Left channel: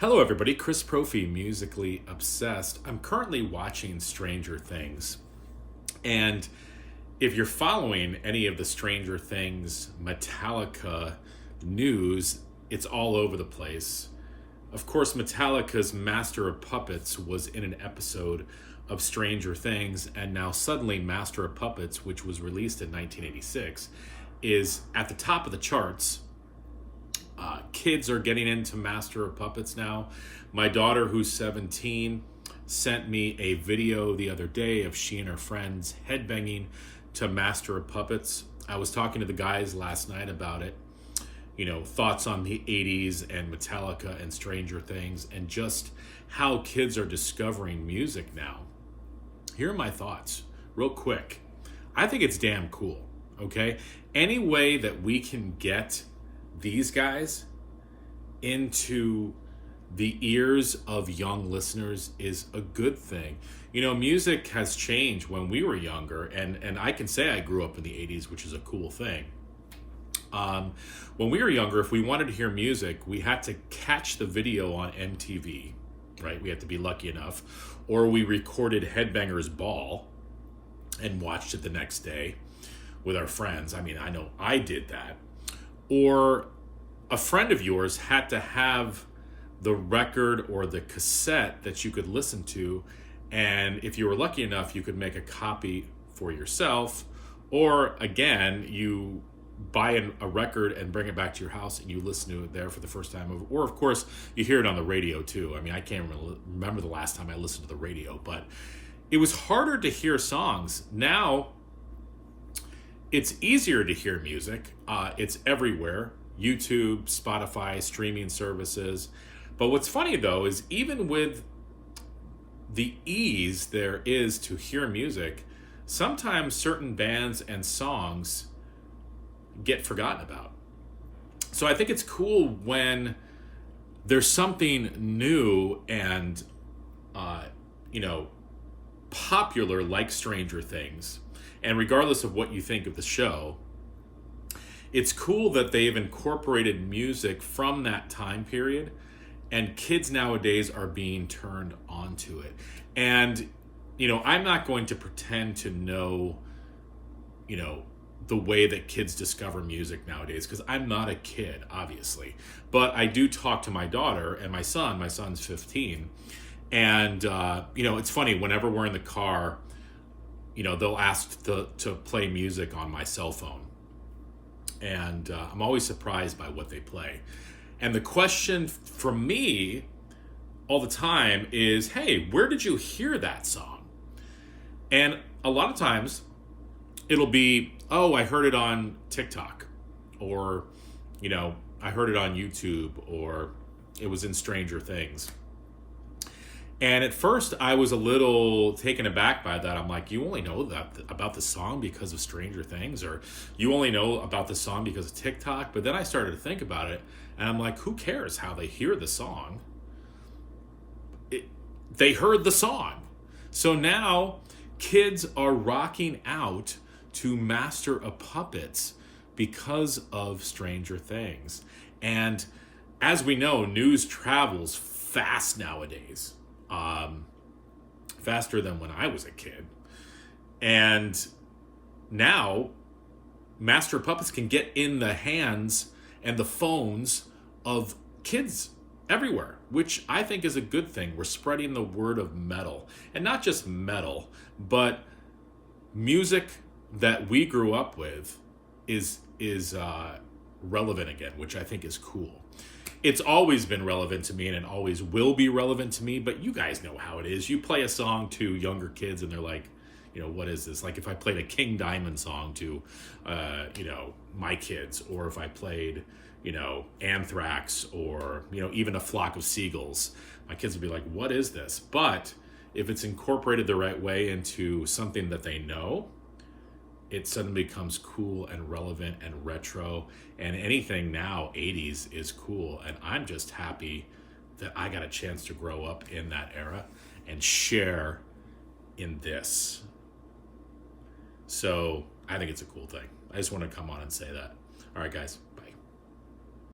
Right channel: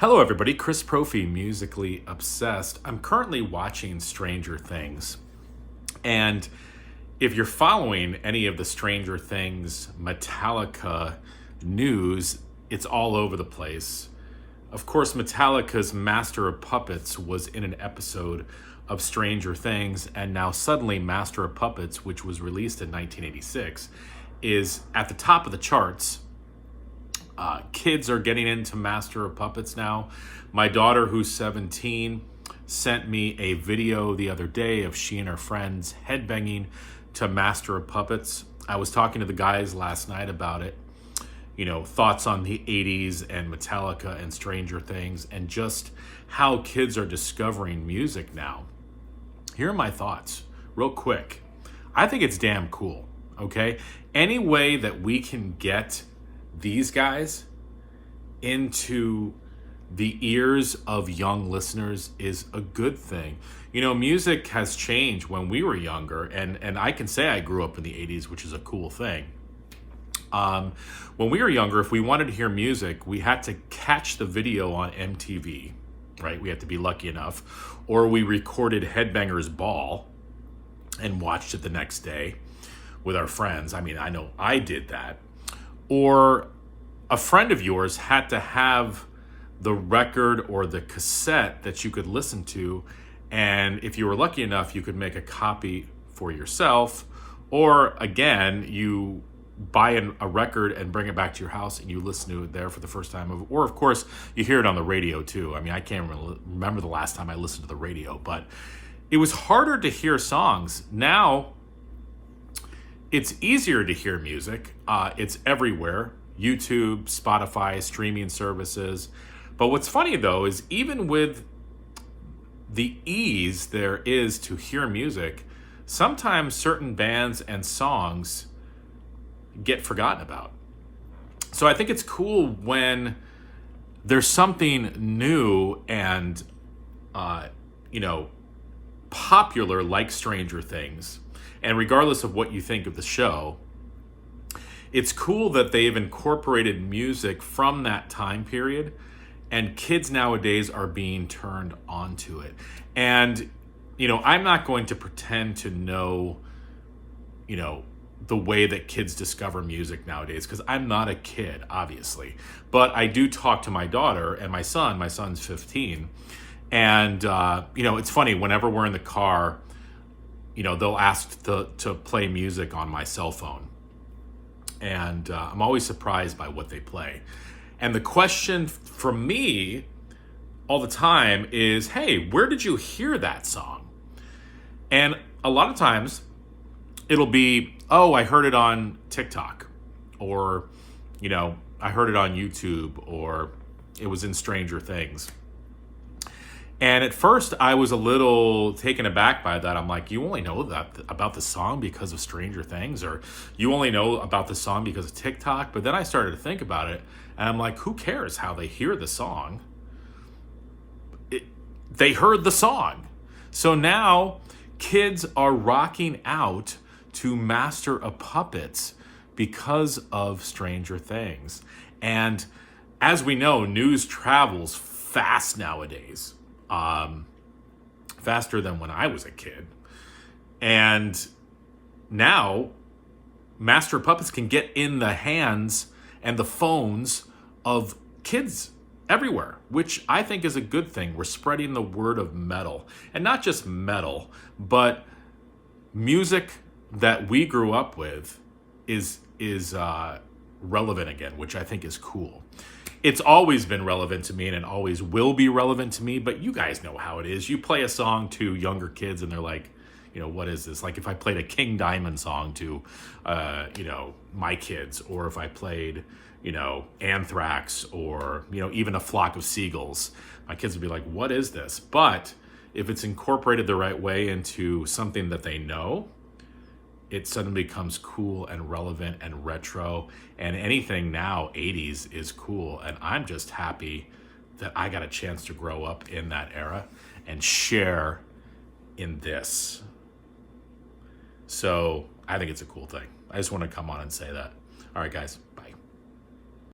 Hello, everybody. Chris Profi, musically obsessed. I'm currently watching Stranger Things. And if you're following any of the Stranger Things Metallica news, it's all over the place. Of course, Metallica's Master of Puppets was in an episode of Stranger Things, and now suddenly Master of Puppets, which was released in 1986, is at the top of the charts. Kids are getting into Master of Puppets now. My daughter, who's 17, sent me a video the other day of she and her friends headbanging to Master of Puppets. I was talking to the guys last night about it. You know, thoughts on the 80s and Metallica and Stranger Things and just how kids are discovering music now. Here are my thoughts, real quick. I think it's damn cool, okay? Any way that we can get these guys into the ears of young listeners is a good thing. You know, music has changed when we were younger, and I can say I grew up in the 80s, which is a cool thing. When we were younger, if we wanted to hear music, we had to catch the video on MTV, right? We had to be lucky enough. Or we recorded Headbangers Ball and watched it the next day with our friends. I mean, I know I did that. Or a friend of yours had to have the record or the cassette that you could listen to, and if you were lucky enough, you could make a copy for yourself, or again, you buy a record and bring it back to your house and you listen to it there for the first time. Or of course, you hear it on the radio too. I mean, I can't remember the last time I listened to the radio, but it was harder to hear songs. Now, it's easier to hear music. It's everywhere. YouTube, Spotify, streaming services. But what's funny though is even with the ease there is to hear music, sometimes certain bands and songs get forgotten about. So I think it's cool when there's something new and, popular like Stranger Things. And regardless of what you think of the show, it's cool that they've incorporated music from that time period, and kids nowadays are being turned onto it. And, I'm not going to pretend to know, the way that kids discover music nowadays, because I'm not a kid, obviously. But I do talk to my daughter and my son. My son's 15. And, it's funny, whenever we're in the car, they'll ask to play music on my cell phone. And I'm always surprised by what they play. And the question from me all the time is, hey, where did you hear that song? And a lot of times it'll be, oh, I heard it on TikTok, or, I heard it on YouTube, or it was in Stranger Things. And at first I was a little taken aback by that. I'm like, you only know that about the song because of Stranger Things, or you only know about the song because of TikTok. But then I started to think about it, and I'm like, who cares how they hear the song? They heard the song. So now kids are rocking out to Master of Puppets because of Stranger Things. And as we know, news travels fast nowadays. Faster than when I was a kid. And now Master of Puppets can get in the hands and the phones of kids everywhere, which I think is a good thing. We're spreading the word of metal, and not just metal, but music that we grew up with is relevant again, which I think is cool. It's always been relevant to me, and it always will be relevant to me, but you guys know how it is. You play a song to younger kids and they're like, what is this? Like if I played a King Diamond song to, my kids, or if I played, Anthrax, or, even A Flock of Seagulls, my kids would be like, what is this? But if it's incorporated the right way into something that they know, it suddenly becomes cool and relevant and retro, and anything now 80s is cool. And I'm just happy that I got a chance to grow up in that era and share in this. So I think it's a cool thing. I just want to come on and say that. All right, guys.